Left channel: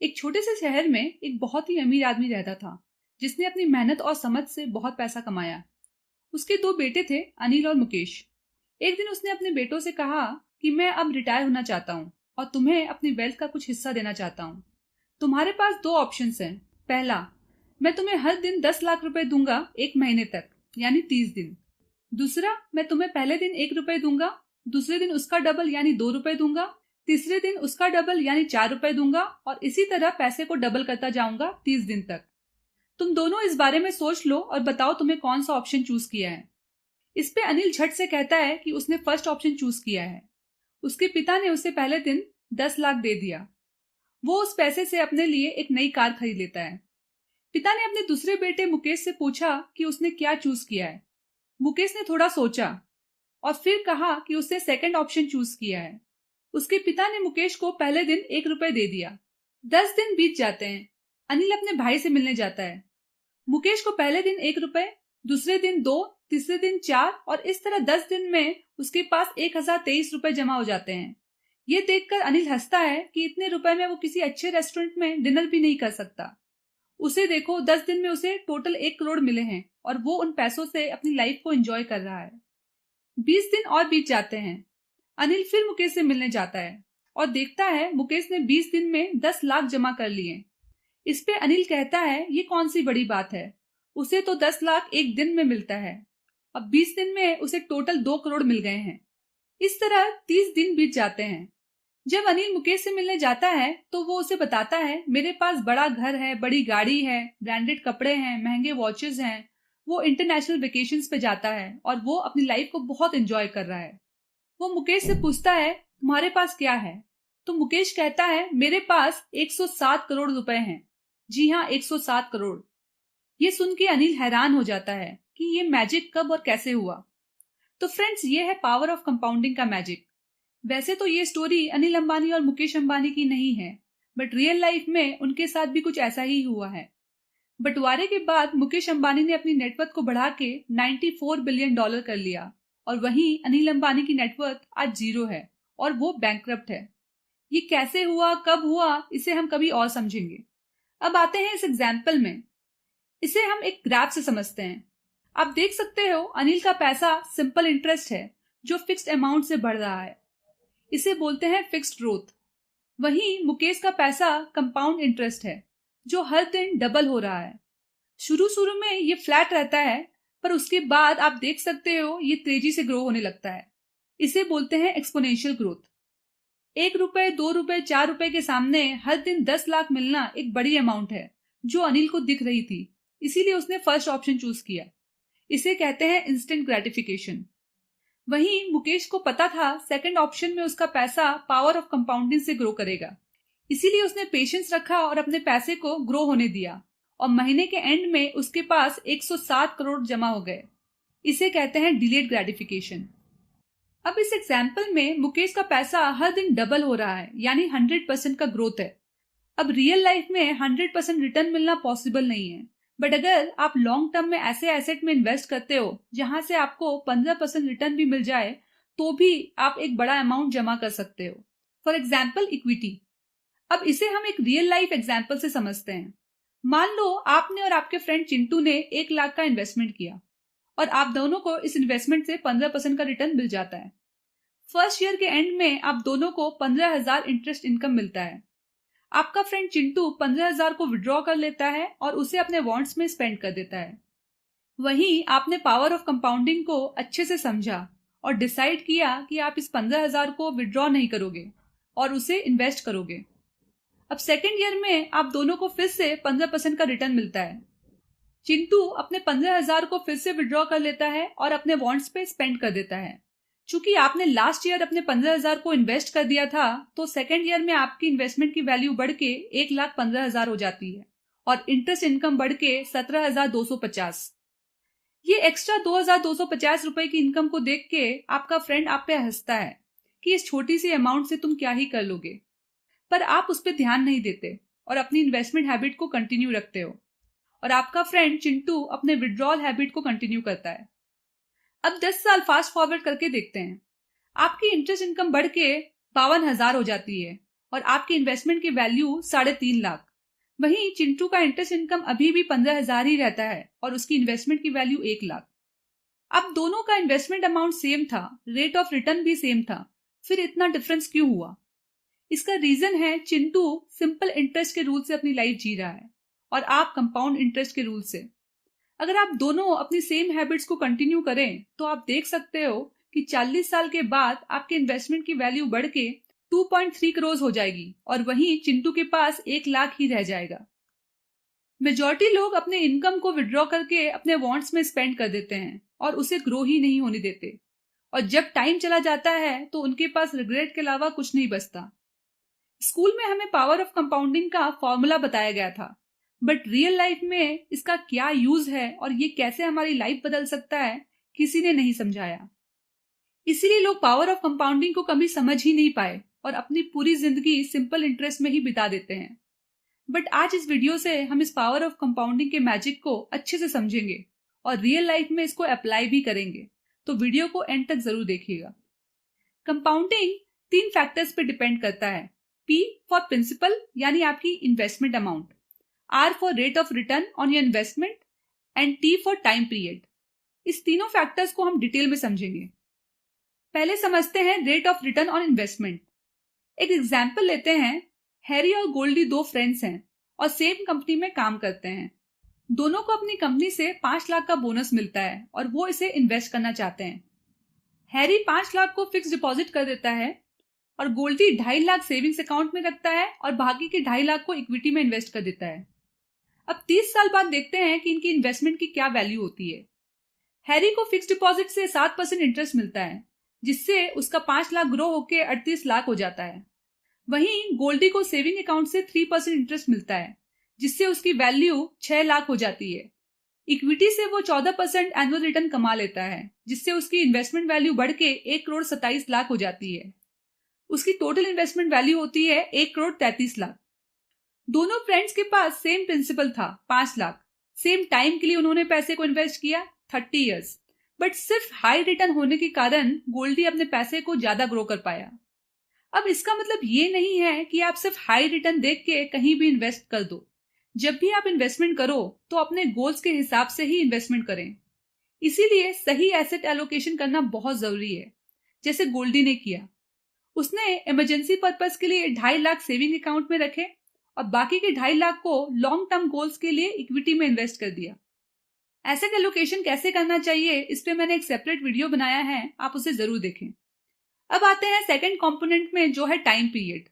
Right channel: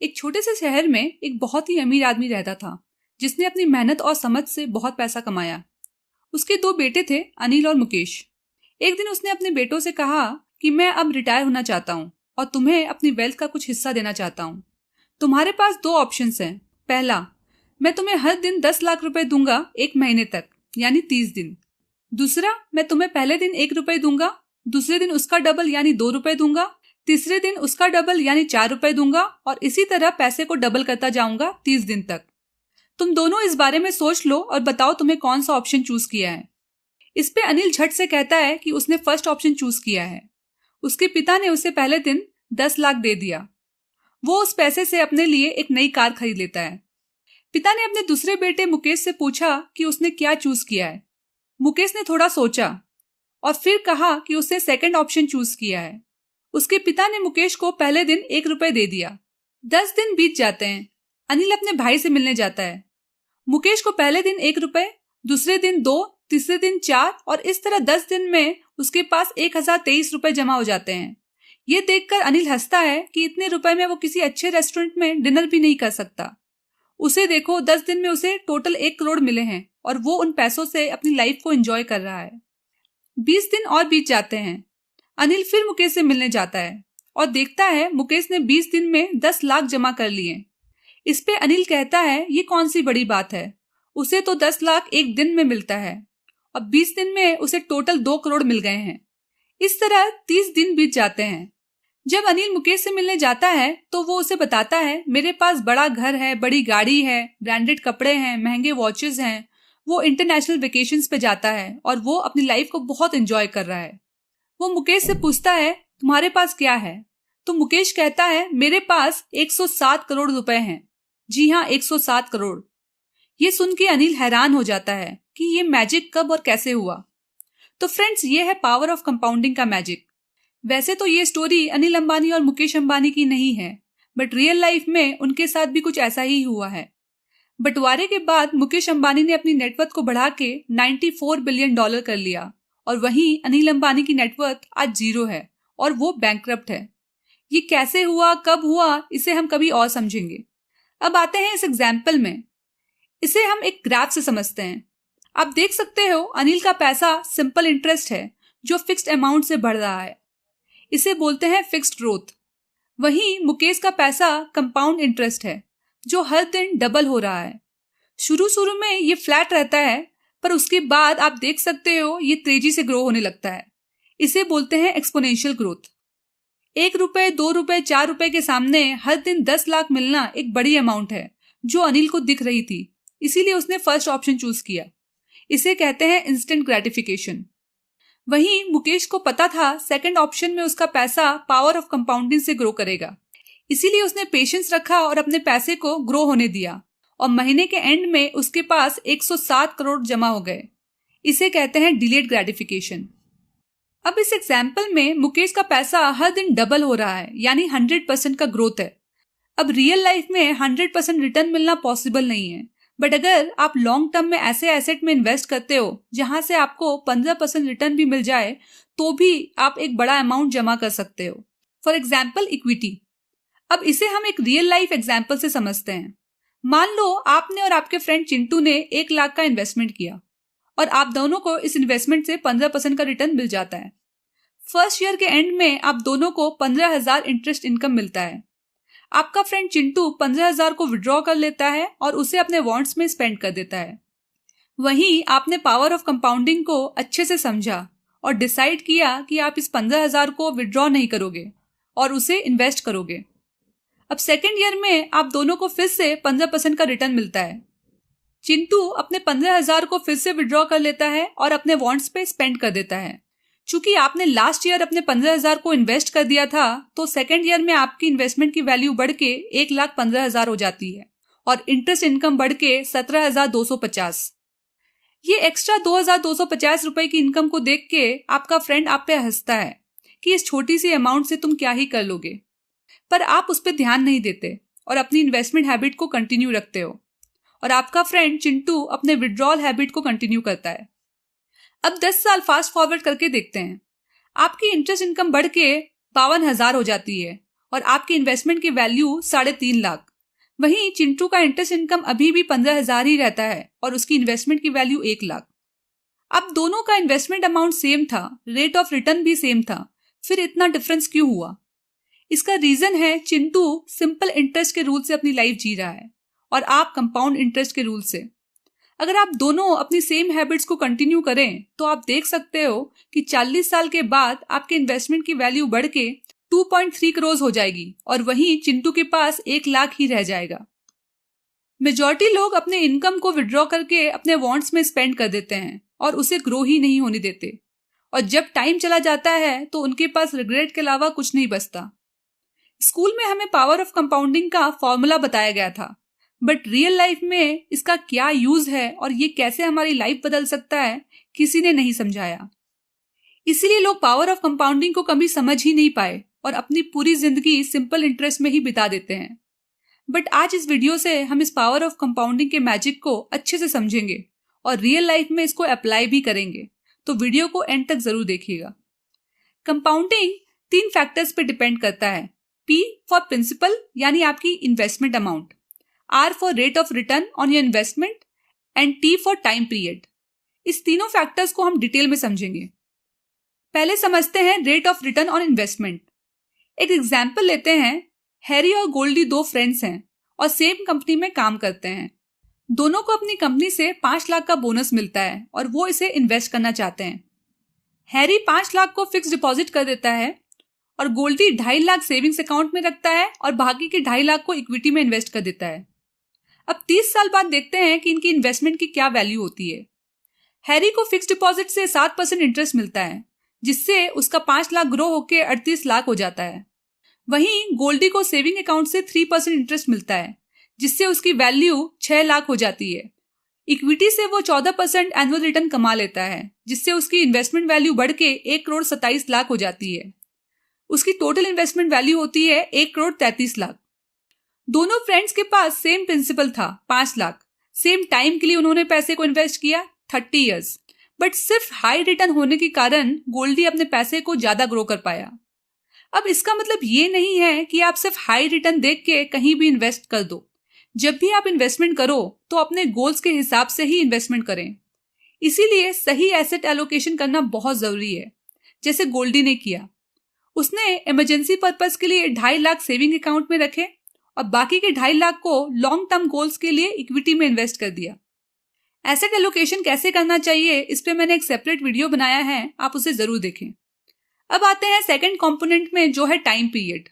एक छोटे से शहर में एक बहुत ही अमीर आदमी रहता था, जिसने अपनी मेहनत और समझ से बहुत पैसा कमाया। उसके दो बेटे थे, अनिल और मुकेश। एक दिन उसने अपने बेटों से कहा कि मैं अब रिटायर होना चाहता हूँ और तुम्हें अपनी वेल्थ का कुछ हिस्सा देना चाहता हूँ। तुम्हारे पास दो ऑप्शंस हैं। पहला, मैं तुम्हें हर दिन 10 लाख रुपए दूंगा, 1 महीने तक, यानी 30 दिन। दूसरा, मैं तुम्हें पहले दिन 1 रुपए दूंगा, दूसरे दिन उसका डबल यानी 2 रुपए दूंगा, तीसरे दिन उसका डबल यानी 4 रुपए दूंगा और इसी तरह पैसे को डबल करता जाऊंगा 30 दिन तक। तुम दोनों इस बारे में सोच लो और बताओ तुम्हें कौन सा ऑप्शन चूज किया है। इस पे अनिल झट से कहता है कि उसने फर्स्ट ऑप्शन चूज किया है। उसके पिता ने उसे पहले दिन 10 लाख दे दिया। वो उस पैसे से अपने लिए एक नई कार खरीद लेता है। पिता ने अपने दूसरे बेटे मुकेश से पूछा कि उसने क्या चूज किया है। मुकेश ने थोड़ा सोचा और फिर कहा कि उसने सेकंड ऑप्शन चूज किया है। उसके पिता ने मुकेश को पहले दिन 1 रुपए दे दिया। 10 दिन बीत जाते हैं। अनिल अपने भाई से मिलने जाता है। मुकेश को पहले दिन 1 रुपए, दूसरे दिन 2, तीसरे दिन 4 और इस तरह 10 दिन में उसके पास 1023 रुपए जमा हो जाते हैं। ये देखकर अनिल हंसता है कि इतने रुपए में वो किसी अच्छे रेस्टोरेंट में डिनर भी नहीं कर सकता। उसे देखो, 10 दिन में उसे टोटल 1 करोड़ मिले हैं और वो उन पैसों से अपनी लाइफ को एंजॉय कर रहा है। 20 दिन और बीत जाते हैं। अनिल फिर मुकेश से मिलने जाता है और देखता है मुकेश ने 20 दिन में 10 लाख जमा कर लिए। इस पे अनिल कहता है, ये कौन सी बड़ी बात है, उसे तो 10 लाख एक दिन में मिलता है और 20 दिन में उसे टोटल 2 करोड़ मिल गए हैं। इस तरह 30 दिन बीत जाते हैं। जब अनिल मुकेश से मिलने जाता है तो वो उसे बताता है, मेरे पास बड़ा घर है, बड़ी गाड़ी है, ब्रांडेड कपड़े हैं, महंगे वॉचेस हैं। वो इंटरनेशनल वेकेशंस पे जाता है और वो अपनी लाइफ को बहुत एंजॉय कर रहा है। वो मुकेश से पूछता है, तुम्हारे पास क्या है? तो मुकेश कहता है, मेरे पास 107 करोड़ रुपए हैं। जी हाँ, 107 करोड़। ये सुन के अनिल हैरान हो जाता है कि ये मैजिक कब और कैसे हुआ। तो फ्रेंड्स, ये है पावर ऑफ कंपाउंडिंग का मैजिक। वैसे तो ये स्टोरी अनिल अंबानी और मुकेश अंबानी की नहीं है, बट रियल लाइफ में उनके साथ भी कुछ ऐसा ही हुआ है। बंटवारे के बाद मुकेश अंबानी ने अपनी नेटवर्थ को बढ़ा के $94 बिलियन कर लिया और वहीं अनिल अंबानी की नेटवर्थ आज 0 है और वो बैंकक्रप्ट है। ये कैसे हुआ, कब हुआ, इसे हम कभी और समझेंगे। अब आते हैं इस एग्जाम्पल में। इसे हम एक ग्राफ से समझते हैं। आप देख सकते हो, अनिल का पैसा सिंपल इंटरेस्ट है जो फिक्स्ड अमाउंट से बढ़ रहा है। इसे बोलते हैं फिक्स्ड ग्रोथ। वहीं मुकेश का पैसा कंपाउंड इंटरेस्ट है जो हर दिन डबल हो रहा है। शुरू शुरू में ये फ्लैट रहता है, पर उसके बाद आप देख सकते हो ये तेजी से ग्रो होने लगता है। इसे बोलते हैं एक्सपोनेंशियल ग्रोथ। 1 रुपए, 2 रुपए, 4 रुपए के सामने हर दिन 10 लाख मिलना एक बड़ी अमाउंट है जो अनिल को दिख रही थी, इसीलिए उसने फर्स्ट ऑप्शन चूज किया। इसे कहते हैं इंस्टेंट ग्रेटिफिकेशन। वहीं मुकेश को पता था सेकंड ऑप्शन में उसका पैसा पावर ऑफ कंपाउंडिंग से ग्रो करेगा, इसीलिए उसने पेशेंस रखा और अपने पैसे को ग्रो होने दिया और महीने के एंड में उसके पास 107 करोड़ जमा हो गए। इसे कहते हैं डिलेड ग्रेटिफिकेशन। अब इस एग्जाम्पल में मुकेश का पैसा हर दिन डबल हो रहा है, यानी 100% का ग्रोथ है। अब रियल लाइफ में 100% रिटर्न मिलना पॉसिबल नहीं है, बट अगर आप लॉन्ग टर्म में ऐसे एसेट में इन्वेस्ट करते हो जहां से आपको 15% रिटर्न भी मिल जाए, तो भी आप एक बड़ा अमाउंट जमा कर सकते हो। For example, equity. अब इसे हम एक रियल लाइफ एग्जाम्पल से समझते हैं। मान लो आपने और आपके फ्रेंड चिंटू ने 1 लाख का इन्वेस्टमेंट किया और आप दोनों को इस इन्वेस्टमेंट से 15% का रिटर्न मिल जाता है। फर्स्ट ईयर के एंड में आप दोनों को 15,000 इंटरेस्ट इनकम मिलता है। आपका फ्रेंड चिंटू 15,000 को विड्रॉ कर लेता है और उसे अपने वांट्स में स्पेंड कर देता है। वहीं आपने पावर ऑफ कंपाउंडिंग को अच्छे से समझा और डिसाइड किया कि आप इस 15,000 को विड्रॉ नहीं करोगे और उसे इन्वेस्ट करोगे। अब सेकेंड ईयर में आप दोनों को फिर से 15% का रिटर्न मिलता है। चिंटू अपने 15,000 को फिर से विड्रॉ कर लेता है और अपने वांट्स पे स्पेंड कर देता है। चूंकि आपने लास्ट ईयर अपने 15,000 को इन्वेस्ट कर दिया था, तो सेकेंड ईयर में आपकी इन्वेस्टमेंट की वैल्यू बढ़ के 1,15,000 हो जाती है और इंटरेस्ट इनकम बढ़ के 17,250। ये एक्स्ट्रा 2,250 रुपए की इनकम को देख के आपका फ्रेंड आप पे हंसता है कि इस छोटी सी अमाउंट से तुम क्या ही कर लोगे, पर आप उस पर ध्यान नहीं देते और अपनी इन्वेस्टमेंट हैबिट को कंटिन्यू रखते हो और आपका फ्रेंड चिंटू अपने विड्रॉल हैबिट को कंटिन्यू करता है। अब 10 साल फास्ट फॉरवर्ड करके देखते हैं। आपकी इंटरेस्ट इनकम बढ़ के 52,000 हो जाती है और आपके इन्वेस्टमेंट की वैल्यू 3.5 लाख। वहीं चिंटू का इंटरेस्ट इनकम अभी भी 15,000 ही रहता है और उसकी इन्वेस्टमेंट की वैल्यू 1 लाख। अब दोनों का इन्वेस्टमेंट अमाउंट सेम था, रेट ऑफ रिटर्न भी सेम था, फिर इतना डिफरेंस क्यों हुआ? इसका रीजन है चिंटू सिंपल इंटरेस्ट के रूल से अपनी लाइफ जी रहा है और आप कंपाउंड इंटरेस्ट के रूल से। अगर आप दोनों अपनी सेम हैबिट्स को कंटिन्यू करें तो आप देख सकते हो कि 40 साल के बाद आपके इन्वेस्टमेंट की वैल्यू बढ़ के 2.3 करोड़ हो जाएगी और वहीं चिंटू के पास 1 लाख ही रह जाएगा। मेजॉरिटी लोग अपने इनकम को विड्रॉ करके अपने वांट्स में स्पेंड कर देते हैं और उसे ग्रो ही नहीं होने देते, और जब टाइम चला जाता है तो उनके पास रिग्रेट के अलावा कुछ नहीं बचता। स्कूल में हमें पावर ऑफ कंपाउंडिंग का फॉर्मूला बताया गया था, बट रियल लाइफ में इसका क्या यूज है और ये कैसे हमारी लाइफ बदल सकता है किसी ने नहीं समझाया। इसीलिए लोग पावर ऑफ कंपाउंडिंग को कभी समझ ही नहीं पाए और अपनी पूरी जिंदगी सिंपल इंटरेस्ट में ही बिता देते हैं। बट आज इस वीडियो से हम इस पावर ऑफ कंपाउंडिंग के मैजिक को अच्छे से समझेंगे और रियल लाइफ में इसको अप्लाई भी करेंगे, तो वीडियो को एंड तक जरूर देखिएगा। कंपाउंडिंग 3 फैक्टर्स पे डिपेंड करता है। P फॉर प्रिंसिपल यानी आपकी investment amount, R for rate of return on your investment and T for time period. इस तीनों फैक्टर्स को हम डिटेल में समझेंगे। पहले समझते हैं rate of return on investment. एक एग्जाम्पल लेते हैं। हैरी और गोल्डी 2 फ्रेंड्स हैं और सेम कंपनी में काम करते हैं। दोनों को अपनी कंपनी से 5 लाख का बोनस मिलता है और वो इसे इन्वेस्ट करना चाहते हैं। हैरी 5 लाख को फिक्स डिपॉजिट कर देता है और गोल्डी 2.5 लाख सेविंग्स अकाउंट में रखता है और बाकी के 2.5 लाख को इक्विटी में इन्वेस्ट कर देता है। अब 30 साल बाद देखते हैं कि इनकी इन्वेस्टमेंट की क्या वैल्यू होती है। हैरी को फिक्स डिपॉजिट से 7% इंटरेस्ट मिलता है, जिससे उसका 5 लाख ग्रो होकर 38 लाख हो जाता है। वहीं गोल्डी को सेविंग अकाउंट से 3% इंटरेस्ट मिलता है, जिससे उसकी वैल्यू 6 लाख हो जाती है। इक्विटी से वो 14% एनुअल रिटर्न कमा लेता है, जिससे उसकी इन्वेस्टमेंट वैल्यू बढ़ के 1,27 करोड़ हो जाती है। उसकी टोटल इन्वेस्टमेंट वैल्यू होती है 1,33 करोड़। दोनों फ्रेंड्स के पास सेम प्रिंसिपल था, 5 लाख। सेम टाइम के लिए उन्होंने पैसे को इन्वेस्ट किया, 30 ईयर्स। बट सिर्फ हाई रिटर्न होने के कारण गोल्डी अपने पैसे को ज्यादा ग्रो कर पाया। अब इसका मतलब ये नहीं है कि आप सिर्फ हाई रिटर्न देख के कहीं भी इन्वेस्ट कर दो। जब भी आप इन्वेस्टमेंट करो तो अपने गोल्स के हिसाब से ही इन्वेस्टमेंट करें। इसीलिए सही एसेट एलोकेशन करना बहुत जरूरी है, जैसे गोल्डी ने किया। उसने इमरजेंसी पर्पस के लिए 2.5 लाख सेविंग अकाउंट में रखे और बाकी के 2.5 लाख को लॉन्ग टर्म गोल्स के लिए इक्विटी में इन्वेस्ट कर दिया। एसेट एलोकेशन कैसे करना चाहिए इस पे मैंने एक सेपरेट वीडियो बनाया है, आप उसे जरूर देखें। अब आते हैं सेकंड कंपोनेंट में, जो है टाइम पीरियड।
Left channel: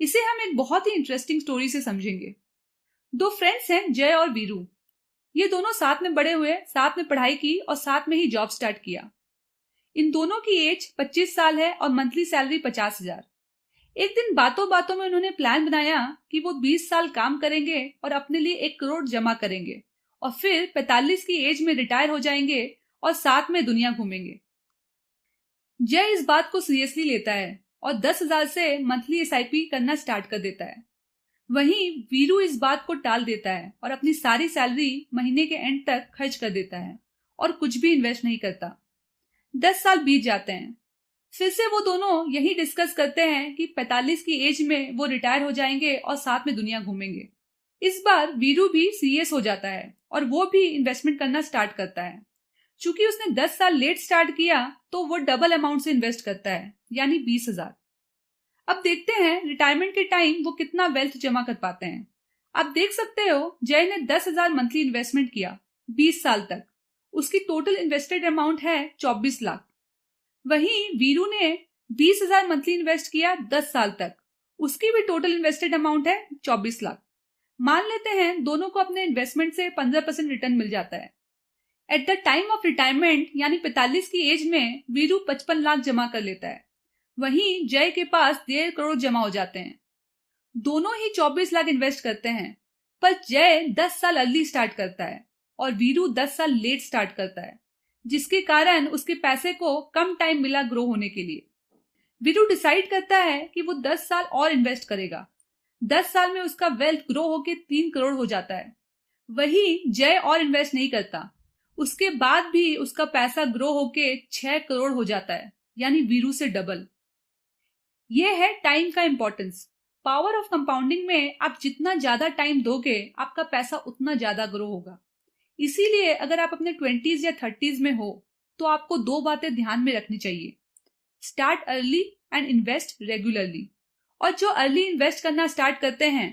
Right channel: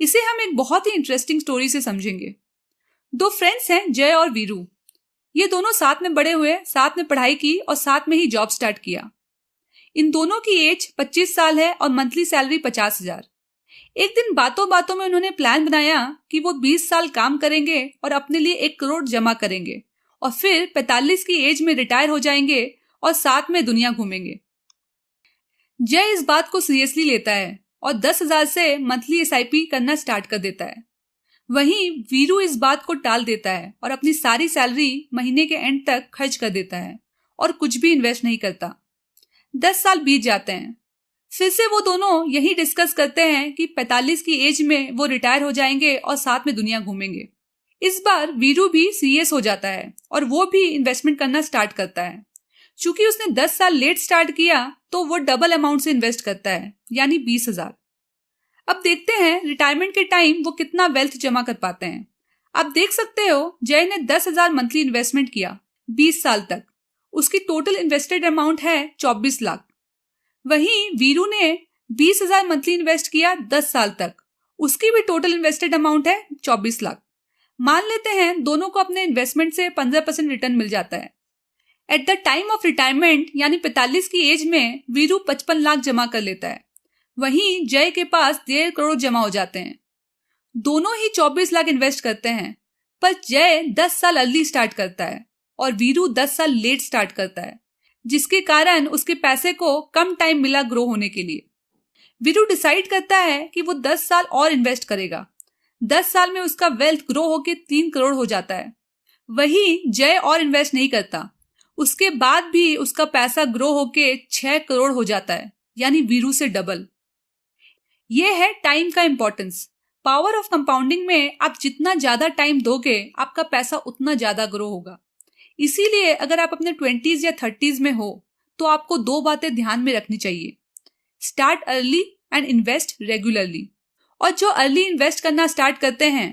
इसे हम एक बहुत ही इंटरेस्टिंग स्टोरी से समझेंगे। 2 फ्रेंड्स हैं, जय और वीरू। ये दोनों साथ में बड़े हुए, साथ में पढ़ाई की और साथ में ही जॉब स्टार्ट किया। इन दोनों की एज 25 साल है और मंथली सैलरी 50,000। एक दिन बातों बातों में उन्होंने प्लान बनाया कि वो 20 साल काम करेंगे और अपने लिए 1 करोड़ जमा करेंगे और फिर 45 की एज में रिटायर हो जाएंगे और साथ में दुनिया घूमेंगे। जय इस बात को सीरियसली लेता है और 10,000 से मंथली SIP करना स्टार्ट कर देता है। वहीं वीरू इस बात को टाल देता है और अपनी सारी सैलरी महीने के एंड तक खर्च कर देता है और कुछ भी इन्वेस्ट नहीं करता। 10 साल बीत जाते हैं। फिर से वो दोनों यही डिस्कस करते हैं कि 45 की एज में वो रिटायर हो जाएंगे और साथ में दुनिया घूमेंगे। इस बार वीरू भी सीरियस हो जाता है और वो भी इन्वेस्टमेंट करना स्टार्ट करता है। चूंकि उसने 10 साल लेट स्टार्ट किया तो वो डबल अमाउंट से इन्वेस्ट करता है, यानी 20,000। अब देखते हैं रिटायरमेंट के टाइम वो कितना वेल्थ जमा कर पाते हैं। आप देख सकते हो जय ने 10,000 मंथली इन्वेस्टमेंट किया 20 साल तक। उसकी टोटल इन्वेस्टेड अमाउंट है 24 लाख। वहीं वीरू ने 20,000 मंथली इन्वेस्ट किया 10 साल तक। उसकी भी टोटल इन्वेस्टेड अमाउंट है 24 लाख। मान लेते हैं दोनों को अपने इन्वेस्टमेंट से 15% रिटर्न मिल जाता है। At the time of retirement यानी 45 की एज में वीरू 55 लाख जमा कर लेता है। वहीं जय के पास 1.5 करोड़ जमा हो जाते हैं। दोनों ही 24 लाख इन्वेस्ट करते हैं, पर जय 10 साल अर्ली स्टार्ट करता है और वीरू 10 साल लेट स्टार्ट करता है, जिसके कारण उसके पैसे को कम टाइम मिला ग्रो होने के लिए। वीरू डिसाइड करता है कि वो 10 साल और इन्वेस्ट करेगा। 10 साल में उसका वेल्थ ग्रो होके 3 करोड़ हो जाता है। वहीं जय और इन्वेस्ट नहीं करता। उसके बाद भी उसका पैसा ग्रो होके 6 करोड़ हो जाता है, यानी वीरू से डबल। यह है टाइम का इंपॉर्टेंस। पावर ऑफ कंपाउंडिंग में आप जितना ज़्यादा टाइम दोगे आपका पैसा उतना ज़्यादा ग्रो होगा। इसीलिए अगर आप अपने 20s या 30s में हो तो आपको 2 बातें ध्यान में रखनी चाहिए। Start early and invest regularly. और जो अर्ली इन्वेस्ट करना स्टार्ट करते हैं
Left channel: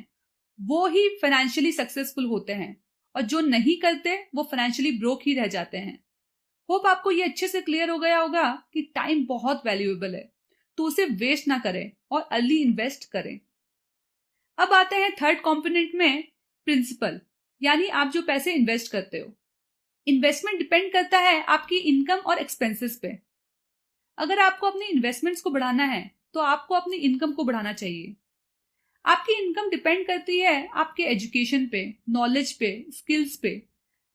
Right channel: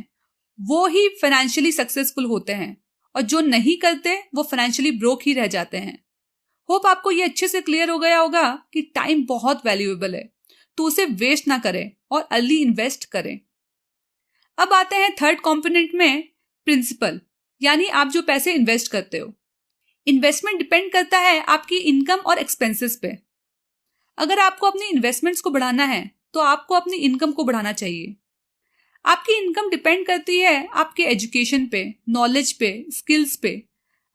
वो ही फाइनेंशियली सक्सेसफुल होते हैं, और जो नहीं करते वो फाइनेंशियली ब्रोक ही रह जाते हैं। होप आपको ये अच्छे से क्लियर हो गया होगा कि टाइम बहुत वैल्यूएबल है, तो उसे वेस्ट ना करें और अर्ली इन्वेस्ट करें। अब आते हैं थर्ड कंपोनेंट में, प्रिंसिपल, यानी आप जो पैसे इन्वेस्ट करते हो। इन्वेस्टमेंट डिपेंड करता है आपकी इनकम और एक्सपेंसेस पे। अगर आपको अपनी इन्वेस्टमेंट्स को बढ़ाना है तो आपको अपनी इनकम को बढ़ाना चाहिए। आपकी इनकम डिपेंड करती है आपके एजुकेशन पे, नॉलेज पे, स्किल्स पे।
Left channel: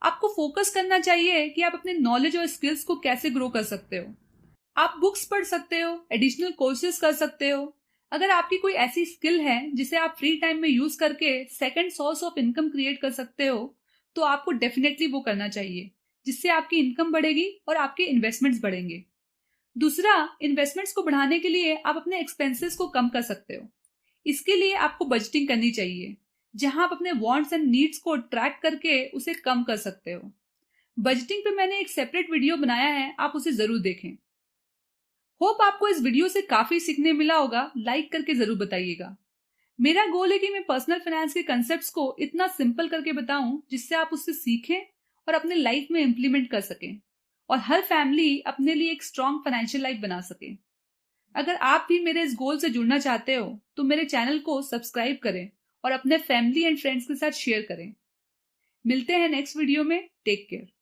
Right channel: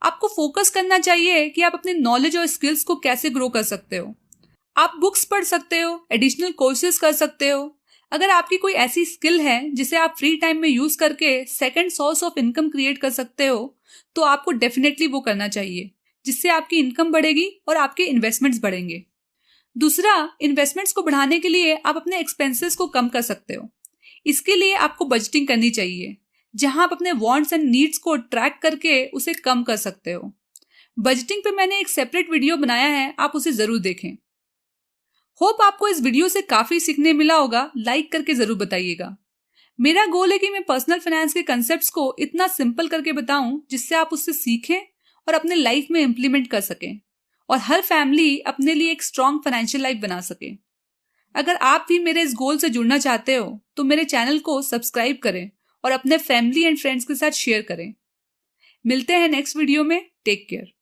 आपको फोकस करना चाहिए कि आप अपने नॉलेज और स्किल्स को कैसे ग्रो कर सकते हो। आप बुक्स पढ़ सकते हो, एडिशनल कोर्सेज कर सकते हो। अगर आपकी कोई ऐसी स्किल है जिसे आप फ्री टाइम में यूज करके second source of income create कर सकते हो तो आपको डेफिनेटली वो करना चाहिए, जिससे आपकी इनकम बढ़ेगी और आपके इन्वेस्टमेंट्स बढ़ेंगे। दूसरा, इन्वेस्टमेंट्स को बढ़ाने के लिए आप अपने एक्सपेंसेस को कम कर सकते हो। इसके लिए आपको बजटिंग करनी चाहिए, जहां आप अपने वांट्स एंड नीड्स को ट्रैक करके उसे कम कर सकते हो। बजटिंग पे मैंने एक सेपरेट वीडियो बनाया है, आप उसे जरूर देखें। होप आपको इस वीडियो से काफी सीखने मिला होगा। लाइक करके जरूर बताइएगा। मेरा गोल है कि मैं पर्सनल फाइनेंस के कंसेप्ट्स को इतना सिंपल करके बताऊं जिससे आप उससे सीखें और अपने लाइफ में इम्प्लीमेंट कर सकें, और हर फैमिली अपने लिए एक स्ट्रॉन्ग फाइनेंशियल लाइफ बना सके। अगर आप भी मेरे इस गोल से जुड़ना चाहते हो तो मेरे चैनल को सब्सक्राइब करें और अपने फैमिली एंड फ्रेंड्स के साथ शेयर करें। मिलते हैं नेक्स्ट वीडियो में। Take care.